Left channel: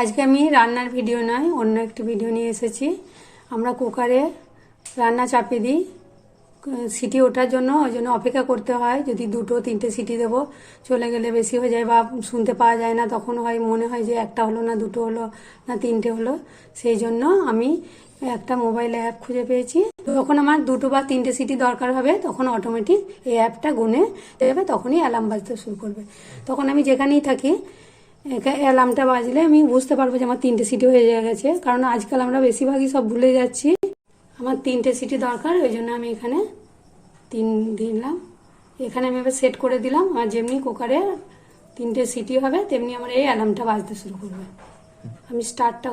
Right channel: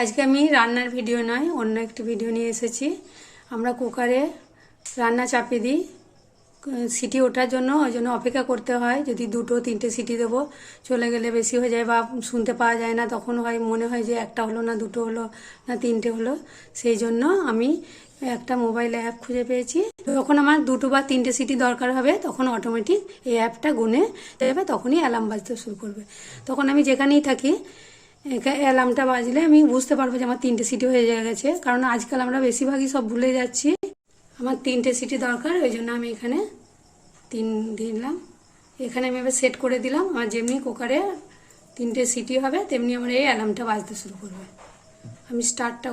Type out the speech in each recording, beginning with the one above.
আজকে আমি রান্নার ভিডিও নয়, অন্য একটি ভিডিও নিয়ে এসেছি। আমরা কুকারে রান্না চাপিয়ে দিই সিটি ওঠার জন্য, ওই জন্য অপেক্ষা করতে হয়। যদি 2-3টে সিটি দেবো, চলে গেলে বেশি হয়ে যায় বা শুনতে পাওয়া যায় না, তখন মনে হয় যে একটা হলো না, 2টো হলো না, 3টে হলো। সেই জন্য আমি একটা মোবাইল অ্যাপ খুঁজে পেয়েছি। যখন আমার 2টো বা 3টে সিটি দরকার হবে, তখন অটোমেটিক এই অ্যাপটা গুনে দেবে, তখনই অ্যালার্ম বাজতে শুরু করবে। তখন আমি যেখানেই থাকি, অ্যালার্মটা বাজলে আমি বুঝতে পারবো যে আমার 3টে সিটি হয়ে গেছে। কারণ আজকাল আমরা বেশিরভাগই সব ভুলে যাচ্ছি। আমার 3টে সিটি দরকার, ওই জন্য আমি এখানে 3 দিলাম। এখানে আমি এবার সেট করে দিলাম। আমার যেমনি কুকারে 3টে সিটি হবে, তেমনি আমার এই অ্যালার্মটা বাজতে শুরু করবে। আমি স্টার্টটা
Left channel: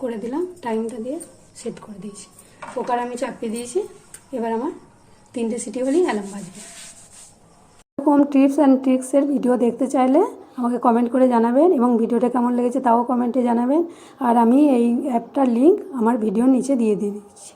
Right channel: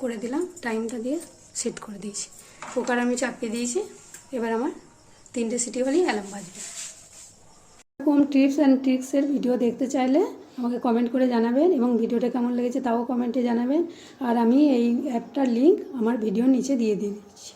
করে দিলাম, টাইমটা দিয়ে সেট করে দিয়েছি। কুকার আমি চাপিয়ে দিয়েছি। এবার আমার 3টে সিটি হলেই অ্যালার্ম বাজবে। এরকম টিপস অ্যান্ড ট্রিক্সের ভিডিও দেখতে চাইলে আমাকে কমেন্ট করে জানাবেন, এবং ভিডিওটা কেমন লেগেছে তাও কমেন্টে জানাবেন। আর আমি এই অ্যাপটার লিঙ্ক আমার ভিডিওর নিচে দিয়ে দিচ্ছি।